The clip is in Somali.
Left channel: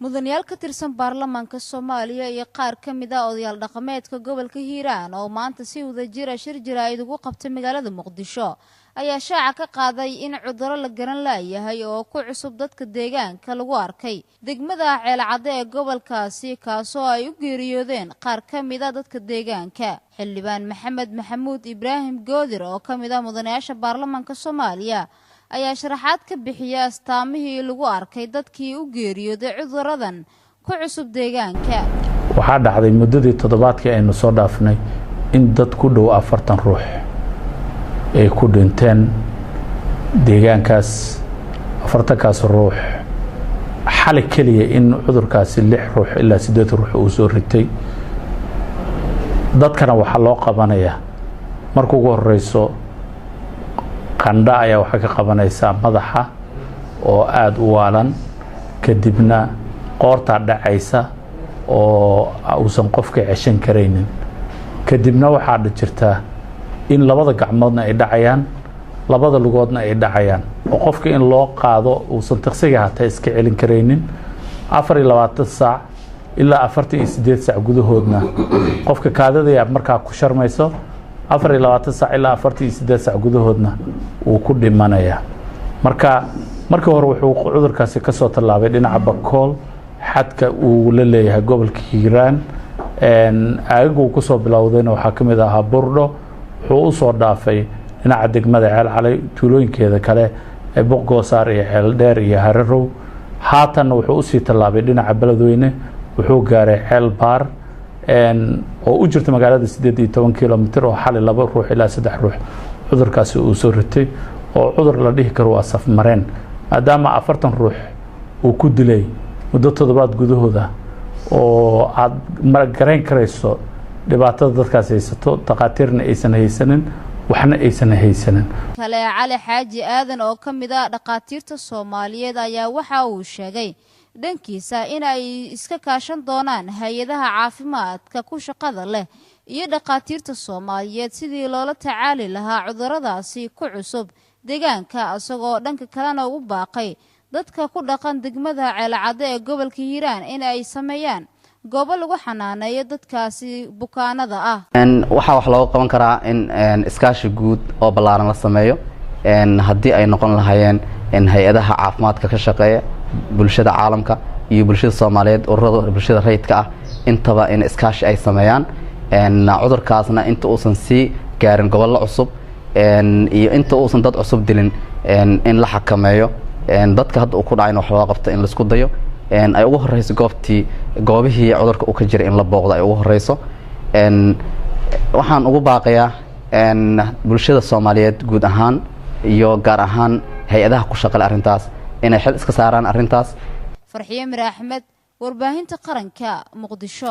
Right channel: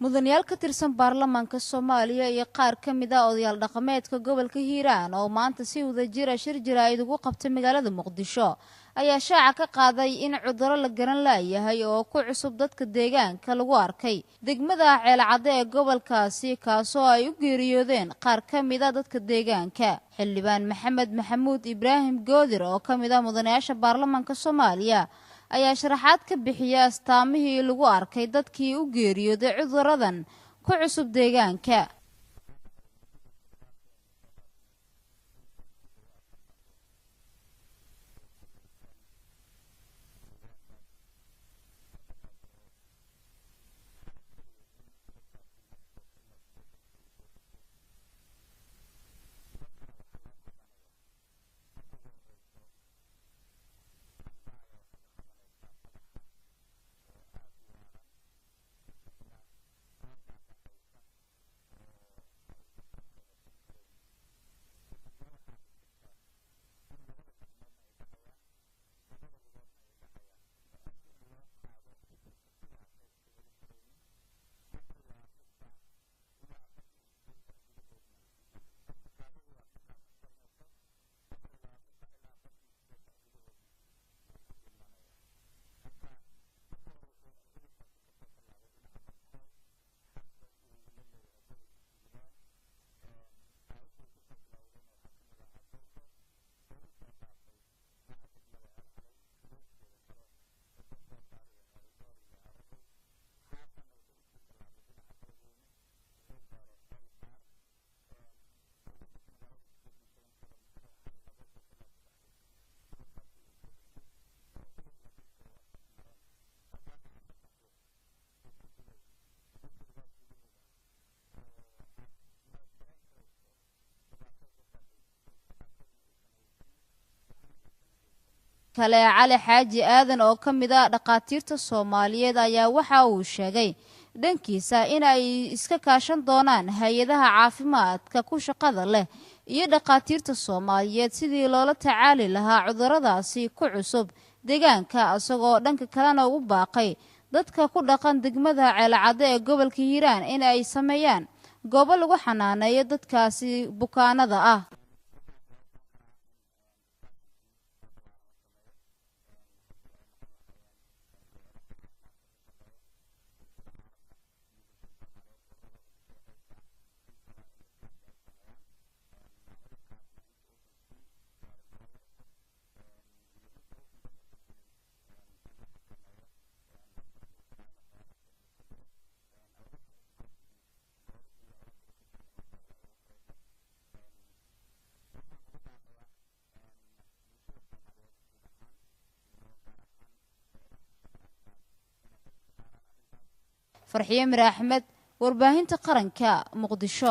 mudanayaal ka tirsan baarlamaanka Soomaaliya iyo qaar ka mid ah odayaal dhaqameedka gobolka Hiiraan oo maanta si wadajir ah shir jiraa'id ugu qabtay magaalada Muqdisho ayaa shaaca ka qaaday in cudurro la garan laayahay oo ku cusub dadka deegaanka lagu arkay degmada Ceelcadde ee gobolkaasi kaasoo ay u geeriyoodeen qaar ka mid ah dadka deegaanka xildhibaan Maxamed Maxamuud Ibraahim Goodir oo ka mid ah mudanayaasha baarlamaanka Soomaaliya ayaa sharaxaad ka bixiyay astaamihii lagu arkay dadkii u geeriyooday cuduradan ku cusub deegaanka. waxaa dhacday muddadii toddobaadkii aynu soo dhaafnay in dad ku dhow 40 ruux ay ku dhinteen deegaankaas 40kaas ruux xalay kaliya in cudurkaasi 6 ruux ilaa 8 ruux uu soo ritay dadkana waxa loo qabanayaa markuu ugu horeyso qandha ayaa waxa ka qabanaysa madaxa oo aad u waalan kadibna qoorta dhacaysa oo uusan qofka ceshan kareynin kadibna waxa jirta in labada gacmoodna ay dhacayaan labada lugoodna ay dhacayaan oo qofka in loo qaado uusan taqsiga hata iska celin kareynin 24 saac ilaa 48 saac gudahoodna qofka kaadada markaa ku sharmayso 24 saac ilaa 48 saac gudahoodna uu ku dhimanaya markii hore wuxuu cudurkaasi ka soo tallaabay dhinaca Bakool xadka uu la leeyahay gobolka Hiiraan aagu ku soo bilowdayna waxa kamid ah Burdho wuxuu u soo dhaafay dhinaca degmada Ceelcadde tuulooyinkeeda kale ee Boqoosaar iyo Ceeldheer iyo Hararow haatan wuxuu u sii tallaabay dhinaca Beledweyne wuxuu gaaray Ceelbaar oo u jirta magaalada 18 kilomitir oo xalay 2 ruux ilaa 3 ruux cudurkaasi uu soo ritay oo cudur la dhihi karo waa saf mareen maadaama 40 ruux uu ku dilay muddo toddobaad gudahooda oo aad maragareyn karayso dhibaatada dadkaas haysato taqaatiirna aysan haysanin waxna aysan haysanin kale Cali Xaaji Aadan oo ka mid ah dhaqaatiirta Soomaaliyeed ayaa waxa uu sheegay dhankiisa in ay iska kaashan doonaan hay'adaha caafimaadka ku shaqada leh iyo dhaqaatiirta Soomaaliyeed sidii loola tacaali lahaa cuduradaasi ku cusub deegaanka asagoo dhanka kalena u baaqay dadka ku dhaqan degmada Ceelcadde ee gobolka Hiiraan in ay sameeyaan goobo lagu xanaaneeyo dadkaasi bukaanada ah waxa wax loo qaban karaa in iskaashi guud oo ballaaran la sameeyo haddii ay noqon lahaayeen hay'adaha caafimaadka ka shaqeeya bulshada caalamka iyo bulshada Soomaaliyeed ururada bulshada rayidka ah intaba in iskaashi ay sameeyaan cudurkaasna inta uusan si gaarin gobollo cusub iyo inta uusan dad cusub dilin in la xakameeyo dadka hadda uu ku dhacay wax loo qabto in la isku dayo ay ugu horeyso goobihii cudurka uu ka jiray in la booqdo ay ugu horeyso waxaan ugu baaqayaa bulshada Soomaaliyeed guud ahaan iyo gaar ahaan hay'adaha ku shaqeeya arintaas inay xil iska saaraan arintaas Farxiye Mir Axmed warbaahinta qaranka Muqdisho.